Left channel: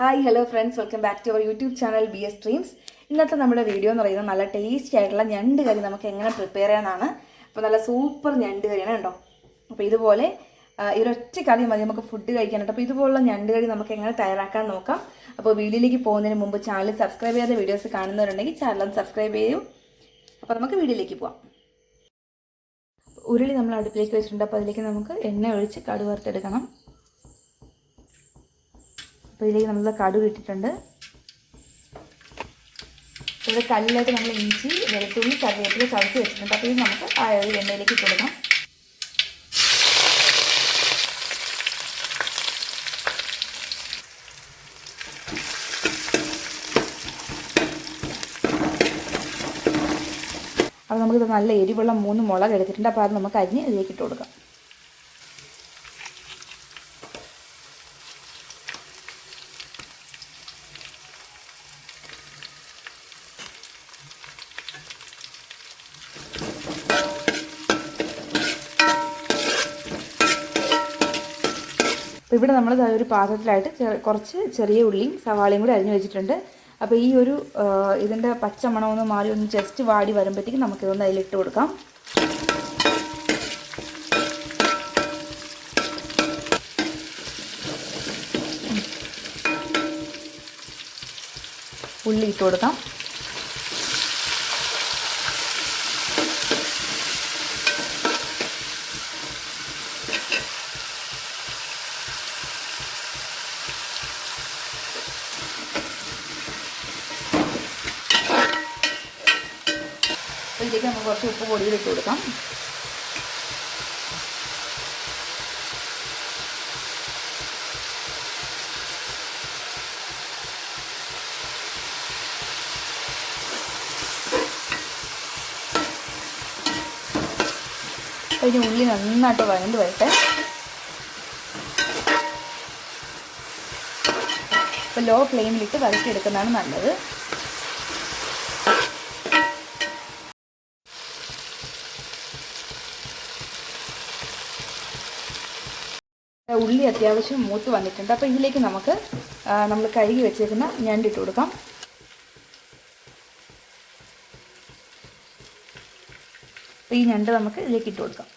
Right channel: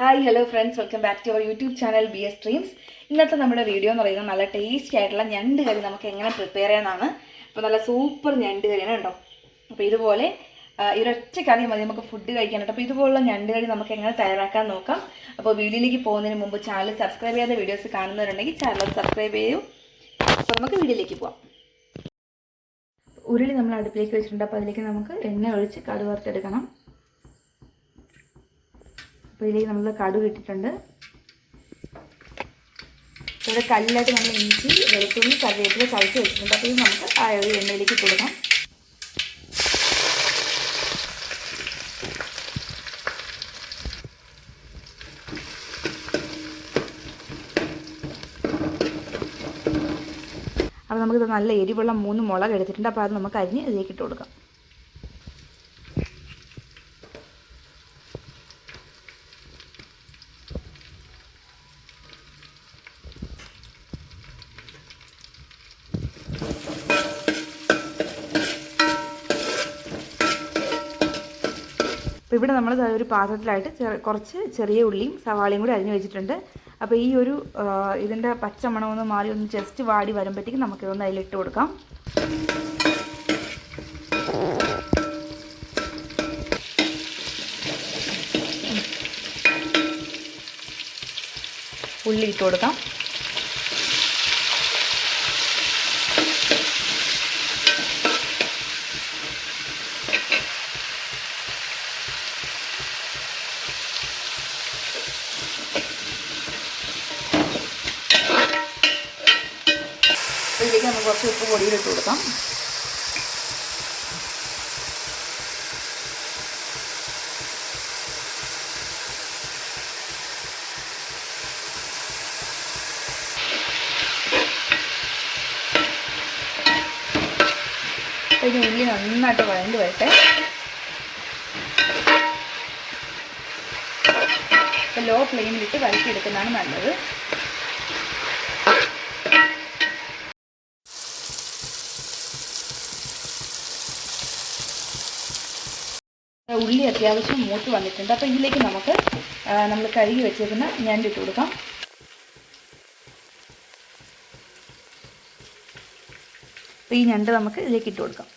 Hi hello friends welcome back to our YouTube channel B S dreams ഇന്നത്തെ നമ്മുടെ video എന്ന് പറയുന്നത് നല്ല ടേസ്റ്റി ആയിട്ടുള്ള ഞണ്ട് കറി നമുക്ക് എങ്ങനെ പ്രിപ്പയർ ചെയ്യാനാണ്. അപ്പോൾ നല്ല സൂപ്പർ ഞണ്ട് കറിയാണ് കേട്ടോ. അപ്പോൾ ഇതുപോലെ ഈ ഒരൊറ്റ കറി മതി നമുക്ക് ഫുഡ് കഴിക്കാനായിട്ട്. അപ്പോൾ ഇതുപോലുള്ള ഞണ്ട് കറി നമുക്ക് എങ്ങനെ തയ്യാറാക്കാൻ നോക്കാം. അപ്പോൾ വീഡിയോയിലേക്ക് പോകുന്നതിന് മുമ്പ് ചാനൽ സബ്സ്ക്രൈബ് ചെയ്യാതെ വീഡിയോസ് കാണുന്നവരുണ്ടെങ്കിൽ ചാനൽ സബ്സ്ക്രൈബ് ചെയ്യൂ. അപ്പോൾ നമുക്ക് വീഡിയോയിലേക്ക് പോവാം. ഉരുളി നമ്മൾ അടുപ്പിലേക്ക് വെച്ചിട്ടുണ്ട്. അപ്പോൾ അതിലേക്ക് നമുക്ക് എണ്ണ ഒഴിച്ച് കടുക് വറുത്തെടുക്കണം അപ്പോൾ ഇതിലേക്ക് നമ്മൾ കടുക് ഇട്ടിട്ടുണ്ട്. ഇവിടെ കല്ലിലായിട്ട് നമ്മൾ ഇഞ്ചി വെളുത്തുള്ളി കറിവേപ്പില ചതച്ച് വെച്ചിട്ടുണ്ട്. അപ്പോൾ ഇത് നമുക്ക് ആ ഒരു എണ്ണയിലേക്ക് കൊടുക്കാം. അപ്പോൾ നമുക്കിത് നല്ല എരിവുള്ള മൂന്ന് മുളക് എടുത്തിട്ടുണ്ട്. അപ്പോൾ അത് നമുക്ക് അരിഞ്ഞ് ഇതിലേക്ക് ഇട്ട് കൊടുക്കാം. അപ്പോൾ ഇവിടെ നമ്മൾ ഒരു പാത്രത്തിലായിട്ട് കുറച്ച് ചെറിയ ഉള്ളിയും സവാളയും കൂടി അരിഞ്ഞു വെച്ചിട്ടുണ്ട്. അപ്പോൾ ഈ ഒരു ഇതിന്റെ പച്ച മണമൊന്ന് മാറി ഒന്ന് ജസ്റ്റ് വാടി വരുമ്പോഴത്തേക്കും നമുക്കിതൊന്ന് അതിലിട്ട് കൊടുക്കാം. ഉള്ളി ഇട്ട് കൊടുക്കാം. കുറച്ച് ഉപ്പ് പൊടിയിൽ ഇട്ട് കൊടുക്കാം. അപ്പോൾ ഉള്ളി നന്നായിട്ട് വഴണ്ട് വരട്ടെ. അപ്പോൾ ലോ ഫ്ലെയിമിലിട്ട് വരട്ടിയെടുക്കുന്നതാണ് നല്ലത്. ഉള്ളി അത്യാവശ്യം മൂത്ത് വന്നിട്ടുണ്ട്. അപ്പോൾ ഇതിലേക്ക് നമുക്ക് നമ്മൾ കഴുകി വെച്ചേക്കുന്ന ഞണ്ടിട്ട് കൊടുക്കാം. അപ്പോൾ ഈ ഞണ്ട് നമുക്ക് ഇതിലേക്ക് ഇട്ട് കൊടുക്കാം.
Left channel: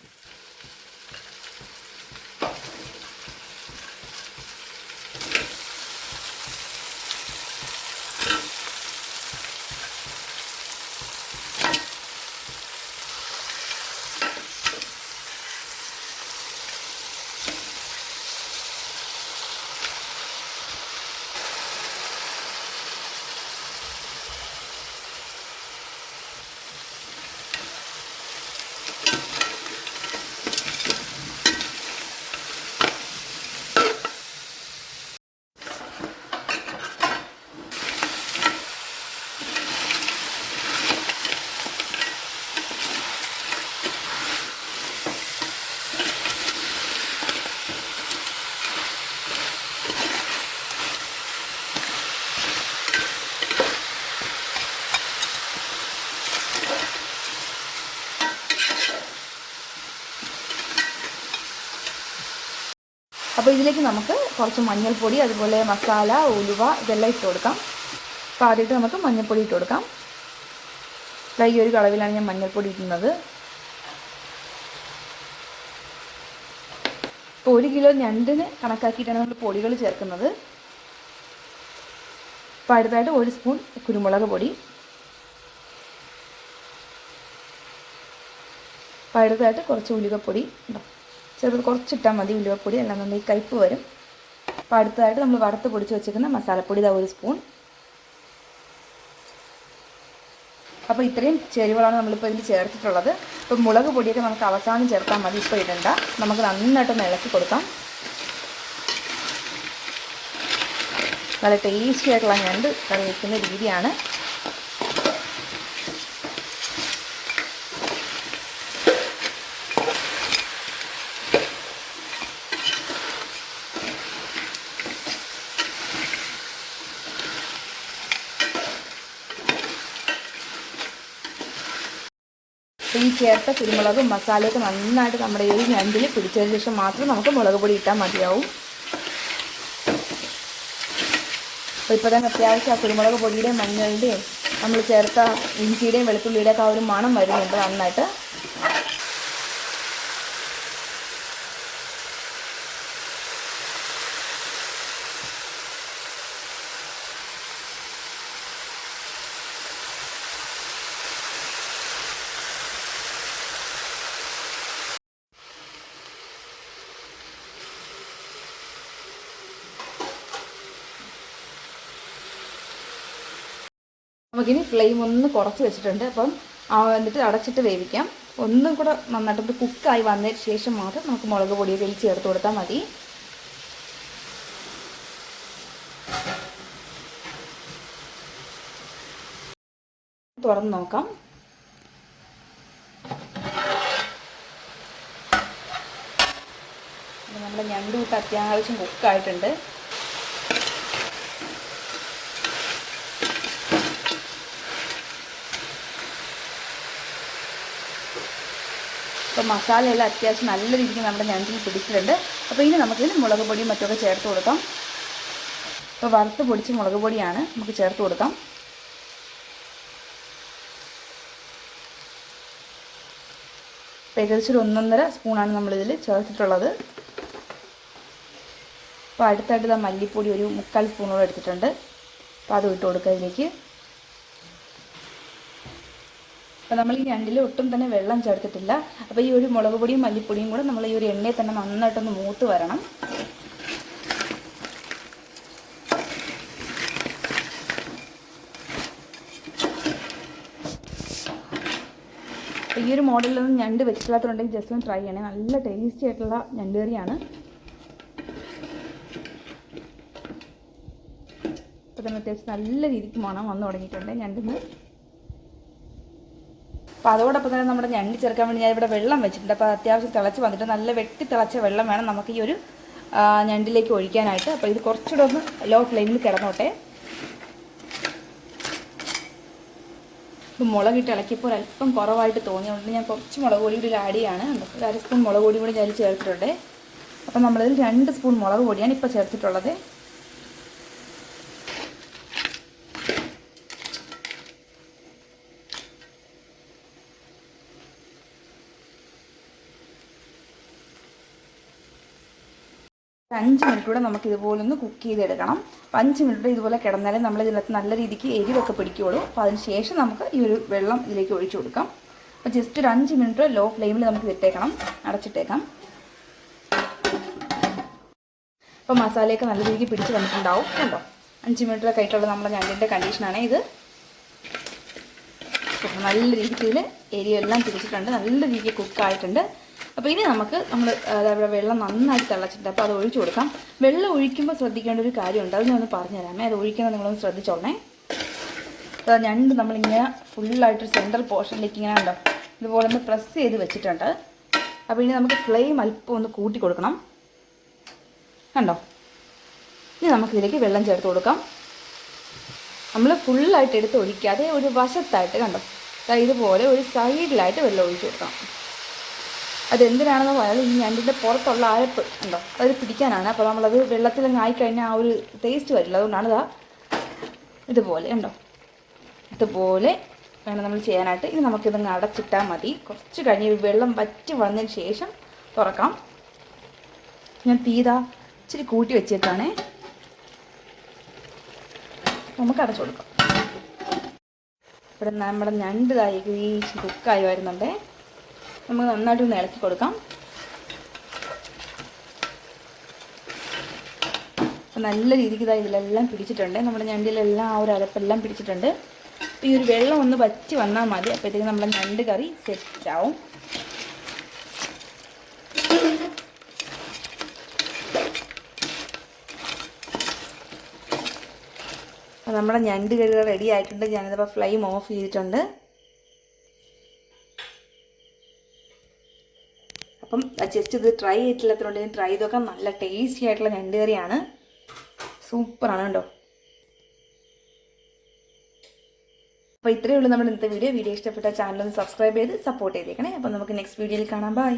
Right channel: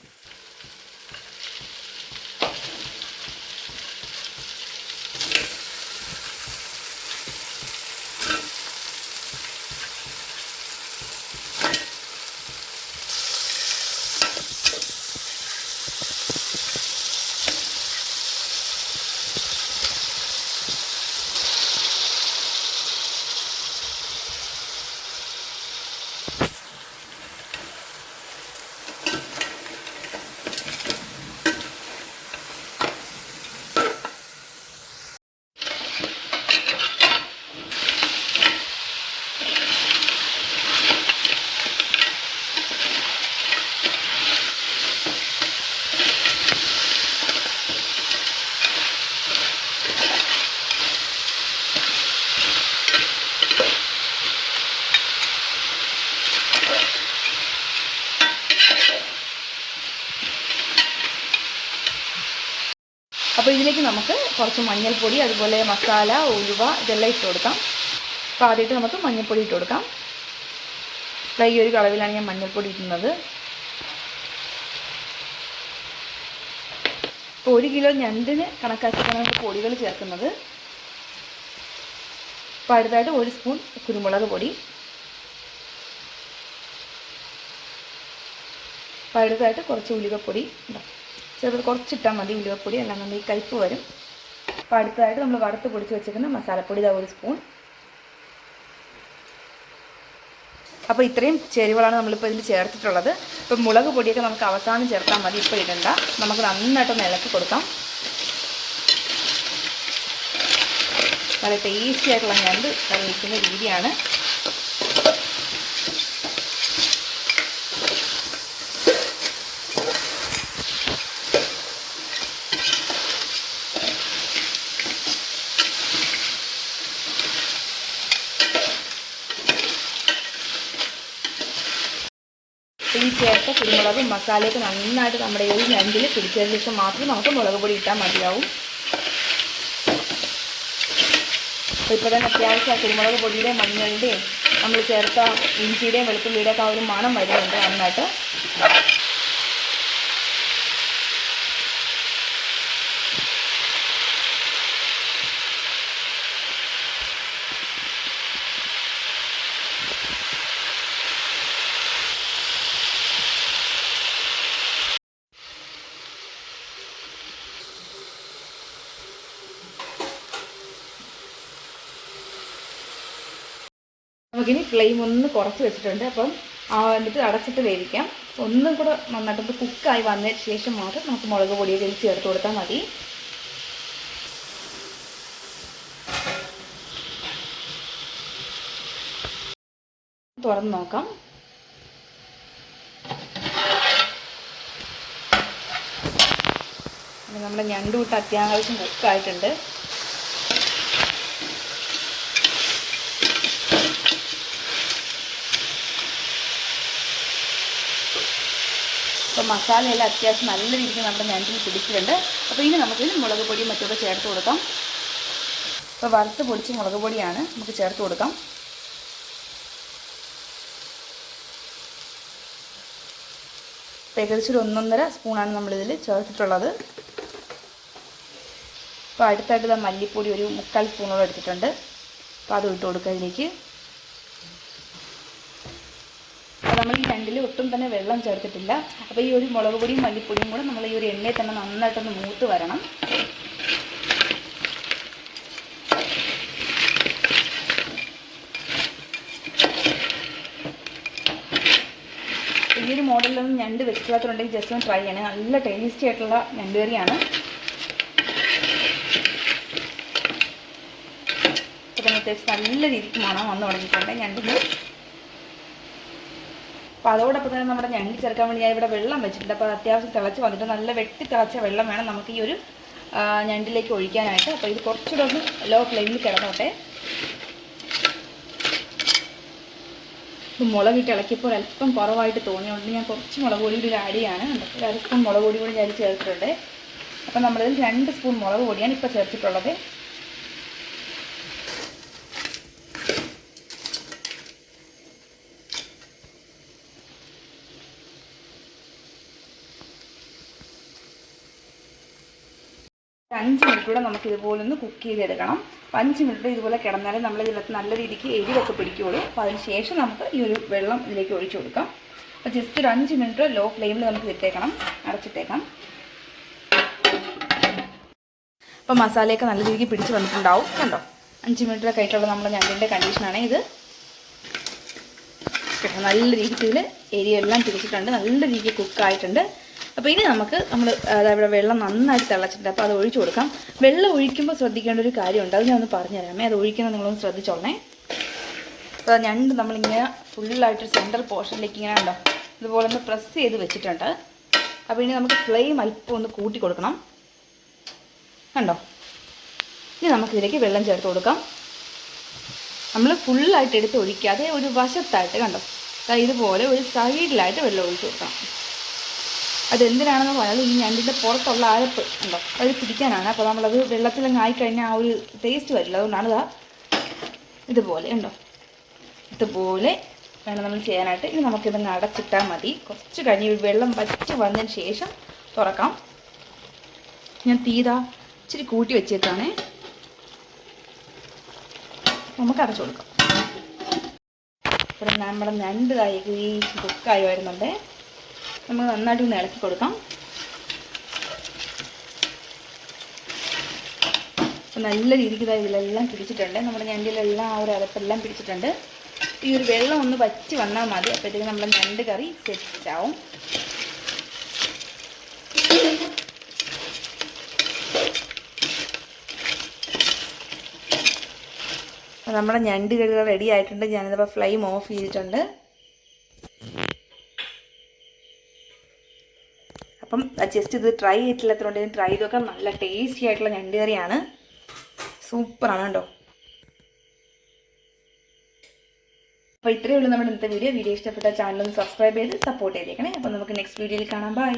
അപ്പോൾ ഇതിലേക്ക് നമുക്ക് കുറച്ച് മഞ്ഞൾപ്പൊടി അതുപോലെ മസാല ഉലുവ ഇതെല്ലാം ഇട്ട് കൊടുക്കാം. അപ്പോൾ ആദ്യമായിട്ട് നമുക്ക് മഞ്ഞൾപ്പൊടി ഇട്ട് കൊടുക്കാം. ഈ ഒരു കളവിലാണ് ഞാൻ മഞ്ഞൾപ്പൊടി ഇടുന്നത്. ഇപ്പോൾ ഒരു കിലോ ഞണ്ടിന് കണക്കാക്കിയിട്ടാണ് നമുക്ക് പൊടികൾ ചേർക്കുന്നത്. അപ്പോൾ അടുത്തായിട്ട് ഒരു സ്പൂൺ കുരുമുളക് പൊടി. അപ്പോൾ അടുത്തായിട്ട് കുറച്ച് ഉലുവപ്പൊടി ഉണ്ടോ ചെറുത് കുറച്ചിട്ടാൽ മതി ഉലുവപ്പൊടി അല്ലാന്നുണ്ടെങ്കിൽ കയ്പ്പ് വരും. അപ്പോൾ അടുത്തതായിട്ട് നമ്മൾ വറുത്ത് പൊടിച്ച് വെച്ചിരിക്കുന്ന മസാലപ്പൊടി ഇതാ ഒരു സ്പൂൺ. അപ്പോൾ ഇത്രയും ചേരുവകളാണ് നമ്മളിപ്പോൾ ഇതിൽ ചേർത്തിട്ടുള്ളത്. ഇപ്പോൾ മുളക് പൊടിയൊക്കെ നമുക്ക് അവസാനം ചേർത്താൽ മതി ഇപ്പോൾ ഇടണ്ട. നമുക്ക് നന്നായിട്ടൊന്ന് ഇളക്കി കൊടുക്കാം. നല്ല ടേസ്റ്റി ആയിട്ടുള്ള ഞണ്ട് കഴിക്കുന്ന രീതിയാണ്. ചേർത്ത കുരുമുളകും മസാലയൊക്കെ നന്നായിട്ട് നമ്മുടെ ഈ ഞണ്ടിൽ പിടിച്ചതിന് ശേഷം മാത്രം നമുക്ക് മുളക് പൊടി ഇട്ടാൽ മതിയാവും. അപ്പോൾ ഇപ്പോൾ തന്നെ അത്യാവശ്യം കുരുമുളക് പൊടിയുടെയും മഞ്ഞളുടെയും നമ്മൾ ചേർത്ത ഇഞ്ചിയുടെയും വെളുത്തുള്ളിയുടെയൊക്കെ ആ ഒരു മണം വരുന്നുണ്ട് നന്നായിട്ട്. നമുക്കിനി ഫ്ലെയിം ഒന്ന് കുറച്ച് വെച്ചിട്ടുണ്ട്. അപ്പം എന്നിട്ട് അടച്ചിട്ട് വേവിക്കാം. ഒന്നും കൂടെ നന്നായിട്ട് കുക്കായി വന്ന ശേഷം മാത്രം നമുക്ക് മുളക് പൊടി ഇതിൽ ചേർത്ത് കൊടുത്താൽ മതി. തുറന്ന് നോക്കാം. നമ്മുടെ ഞണ്ടുകൂട്ട് അത്യാവശ്യം കുക്കായിട്ടുണ്ട് അപ്പോൾ മസാലയെല്ലാം അത്യാവശ്യം നല്ല രീതിക്ക് നമ്മുടെ ഞണ്ടിൽ പിടിച്ചിട്ടുണ്ട്. അപ്പോൾ ഇനി നമുക്ക് മുളക് പൊടിയും മറ്റൊക്കെ ചേർത്ത് കൊടുക്കാം. അപ്പോൾ വറുത്ത് പൊടിച്ച് മുളക് പൊടിയാണ് നമുക്ക് ചേർത്ത് കൊടുക്കാം. ഏകദേശം ഒരു ഒന്നൊന്നര സ്പൂണാണ് നമ്മളിതിൽ ചേർത്തിട്ടുള്ളത്. അപ്പോൾ അടുത്തായിട്ട് മല്ലിപ്പൊടി ഒരു മുക്കാൽ സ്പൂണോളം എടുത്തിട്ടുണ്ട്. അപ്പോൾ അത് ഇട്ട് കൊടുക്കുക ഇതിലേക്ക്. അപ്പോൾ നമ്മൾ ഈ രണ്ടിൽ ഒട്ടും തന്നെ വെള്ളം ചേർത്തിട്ടില്ല. അപ്പോൾ ഈ ഒരു മുളക് പൊടിയും മല്ലിപ്പൊടിയും കൂടെ നമ്മൾ ഈ ഒരു എണ്ണയിൽ തന്നെ നന്നായിട്ടൊന്ന് മൂത്ത് വരണം. ഈ ഒരു മോഡലിലൊന്നും ഞണ്ട് വെച്ചില്ലാത്തതുണ്ടെങ്കിൽ ജസ്റ്റ് ഒന്ന് ട്രൈ ചെയ്യണേ. നല്ല ടേസ്റ്റി ആയിട്ടുള്ള ഞണ്ട് കറിയാണ്. അത്യാവശ്യം നല്ല രീതിക്ക് മണം വന്നു തുടങ്ങിയിട്ടുണ്ട്. ഞണ്ടിന് അപ്പോൾ അതോടൊപ്പം തന്നെ നമ്മുടെ ഞണ്ടി ചേർക്കാൻ വേണ്ടി ഞാൻ ഇവിടെ വെള്ളം വെച്ചിട്ടുണ്ട്. അപ്പോൾ അത് അത്യാവശ്യം തിളച്ച് വന്നിട്ട് നല്ല വെട്ടി തിളച്ച വെള്ളം വേണം നമുക്ക് ഈ ഒരു ഞണ്ടിലേക്ക് ഒഴിക്കാനായിട്ട്. അപ്പോൾ ഇത് കുറച്ചുകൂടെ ഒന്ന് ലോ ഫ്ലെയിമിൽ കിടന്നോട്ടെ. മുളക് മുളകിട്ട് ഇളക്കിയപ്പോൾ അല്പം കുറവായിട്ട് തോന്നിയുകൊണ്ട് ഞാൻ കുറച്ച് മുളക് പൊടി കൂടി ആഡ് ചെയ്യാണ്? ഒരു അര സ്പൂൺ മുളക് പൊടി കൂടി ഞാൻ ചേർത്തിട്ടുണ്ട്. അപ്പോൾ നമ്മളിതിൽ രണ്ട് സ്പൂൺ മുളക് പൊടിയാണ് ഇപ്പോൾ ചേർത്തിട്ടുള്ളത്. അഞ്ച് മിനിറ്റ് കൂടെ നമുക്ക് ഇതുപോലെ ഒന്ന് കുക്ക് ചെയ്തെടുക്കണം. അപ്പോൾ അഞ്ച് മിനിറ്റ് ഇതുപോലെ കിടന്നാലേ നമ്മൾ ഇതിനകത്ത് നല്ല രീതിക്ക് എരിവൊക്കെ പിടിക്കുകയുള്ളൂ അപ്പോൾ അതിന് ശേഷം നമുക്ക് ഈ ഒരു വെള്ളം ഇതിലേക്ക് ഒഴിച്ചു കൊടുക്കാം. അപ്പോൾ ജസ്റ്റ് ഒരു അഞ്ച് മിനിറ്റ് ലോ ഫ്ലെയിമിൽ നമുക്ക് വിട്ടേക്കണം. അടച്ചിട്ടേക്കാം. അപ്പോൾ മസാലയൊക്കെ നല്ല രീതിക്ക് പിടിച്ച് വന്നിട്ടുണ്ടാവും. കണ്ടോ? അഞ്ച് മിനിറ്റൊക്കെ ആയിട്ടുള്ള നമ്മുടെ ഞണ്ടിന്റെ കണ്ടീഷനാണ് ഇത്. നല്ല രീതിക്ക് ഇതിൽ എരിയെല്ലാം തിരിച്ചിട്ടുണ്ട് നല്ല രീതിക്ക് കുക്കായിട്ടുണ്ട് അപ്പോൾ ഇനി നമുക്ക് നമ്മൾ അതായത് വെള്ളം നന്നായിട്ട് തിളച്ചിട്ടുണ്ട്. അപ്പോൾ അത് ഒഴിച്ചു കൊടുക്കാം. വെള്ളം ഒഴിക്കുമ്പോൾ ശ്രദ്ധിക്കേണ്ട ഒരു കാര്യമുണ്ട്. അത് ഞാൻ ഒന്ന് പറഞ്ഞുതരാമേ. അത് ഒഴിക്കുന്നത് നിങ്ങളൊന്ന് ശ്രദ്ധിച്ചോളണേ. അപ്പോൾ ഞണ്ട് നമ്മളിങ്ങനെ ഫുള്ളായിട്ട് സെൻട്രൽ പോർഷനിലേക്ക് ഇങ്ങനെ ഉണ്ടോ ഇതുപോലെ ഒന്ന് പ്രസ് ചെയ്ത് വെച്ചിട്ടുണ്ട്. അപ്പോൾ ഇനി നമുക്ക് ഫ്ലെയിം അല്പം ഒന്ന് കൂട്ടി കൊടുക്കണം. കണ്ടോ? ഇനി നമുക്കിതിലേക്ക് വെള്ളം ചേർത്ത് കൊടുക്കാം. നമ്മൾ ഫുള്ളായിട്ട് എടുത്ത് ഒഴിക്കാതെ ഒരു വശത്തായിട്ട് കണ്ടോ? ഇതുപോലെ ഒരു സൈഡിലായിട്ട് വെള്ളം ഒഴിച്ച് കൊടുക്കണം. അതെന്തിനാണെന്ന് പറഞ്ഞാൽ ഈ ഞണ്ടിന്റെ പുറത്തുള്ള അരപ്പ് ഉണ്ടോ അത് പിടിക്കാനാണ്. അപ്പോൾ നമ്മളത് വെള്ളത്തിലങ്ങ് ആയിക്കഴിഞ്ഞാൽ ആ ഒരു ടേസ്റ്റ് വരില്ല. അതുകൊണ്ടാണ് ഇതാ ഇതുപോലെ ഉണ്ടോ ഇതുപോലെ വേണം നമ്മൾ ചെയ്യാനായിട്ട്. ഇനി നമുക്കിതങ്ങ് അടച്ചിട്ടാൽ മതി. കുറച്ച് കഴിഞ്ഞ് വെള്ളം വറ്റി വന്നതിന് ശേഷം തുറക്കാം. ഞാൻ തീതാ ഇച്ചിരി കൂട്ടി വെച്ചേക്കാണേ. നമുക്ക് അടച്ചു കൊടുക്കാം. ഇവിടെ നമ്മുടെ ഞണ്ട് തായി കുക്കായി വരുന്നുണ്ട്. നമുക്ക് നന്നായിട്ട് ഒന്ന് ഇളക്കി കൊടുക്കാം. അപ്പോൾ നല്ല രീതിക്ക് ഇതാ ഇതിലെല്ലാം പിടിച്ചിട്ടുണ്ട്. നമ്മുടെ ഞണ്ടിലെല്ലാം ആ ഒരു അരപ്പെല്ലാം പിടിച്ചിട്ടുണ്ട്. ഈ ഒരു വെള്ളം ഒന്ന് വറ്റി വന്നാൽ മതി. അപ്പോഴത്തേക്ക് നമ്മുടെ ഞണ്ട് കറി സെറ്റ് ആവും. നമ്മുടെ ഞണ്ട് കറി റെഡി ആയിട്ടുണ്ട്. ഞാനിതിപ്പോൾ ഫ്ലെയിം ഓഫ് ചെയ്തിട്ടുണ്ട്. അപ്പം ജസ്റ്റ് ഇത് ട്രൈ ചെയ്തിട്ടില്ലാത്തതുകൊണ്ട് ഞാൻ ട്രൈ ചെയ്ത് നോക്കാം നല്ല ടേസ്റ്റി ആയിട്ടുള്ള ഞണ്ട് കറിയാണ് സൂപ്പറാണ് കേട്ടോ അപ്പോൾ ഇത്രയേ ഉള്ളൂ നമ്മുടെ ഇന്നത്തെ വീഡിയോ വീഡിയോ ഇഷ്ടപ്പെട്ട ചാനൽ ഒന്ന് സബ്സ്ക്രൈബ് ചെയ്ത് സപ്പോർട്ട് ചെയ്തേക്കണേ. അപ്പോൾ നമുക്ക് നെക്സ്റ്റ് വീഡിയോയിൽ കാണാം. ബൈ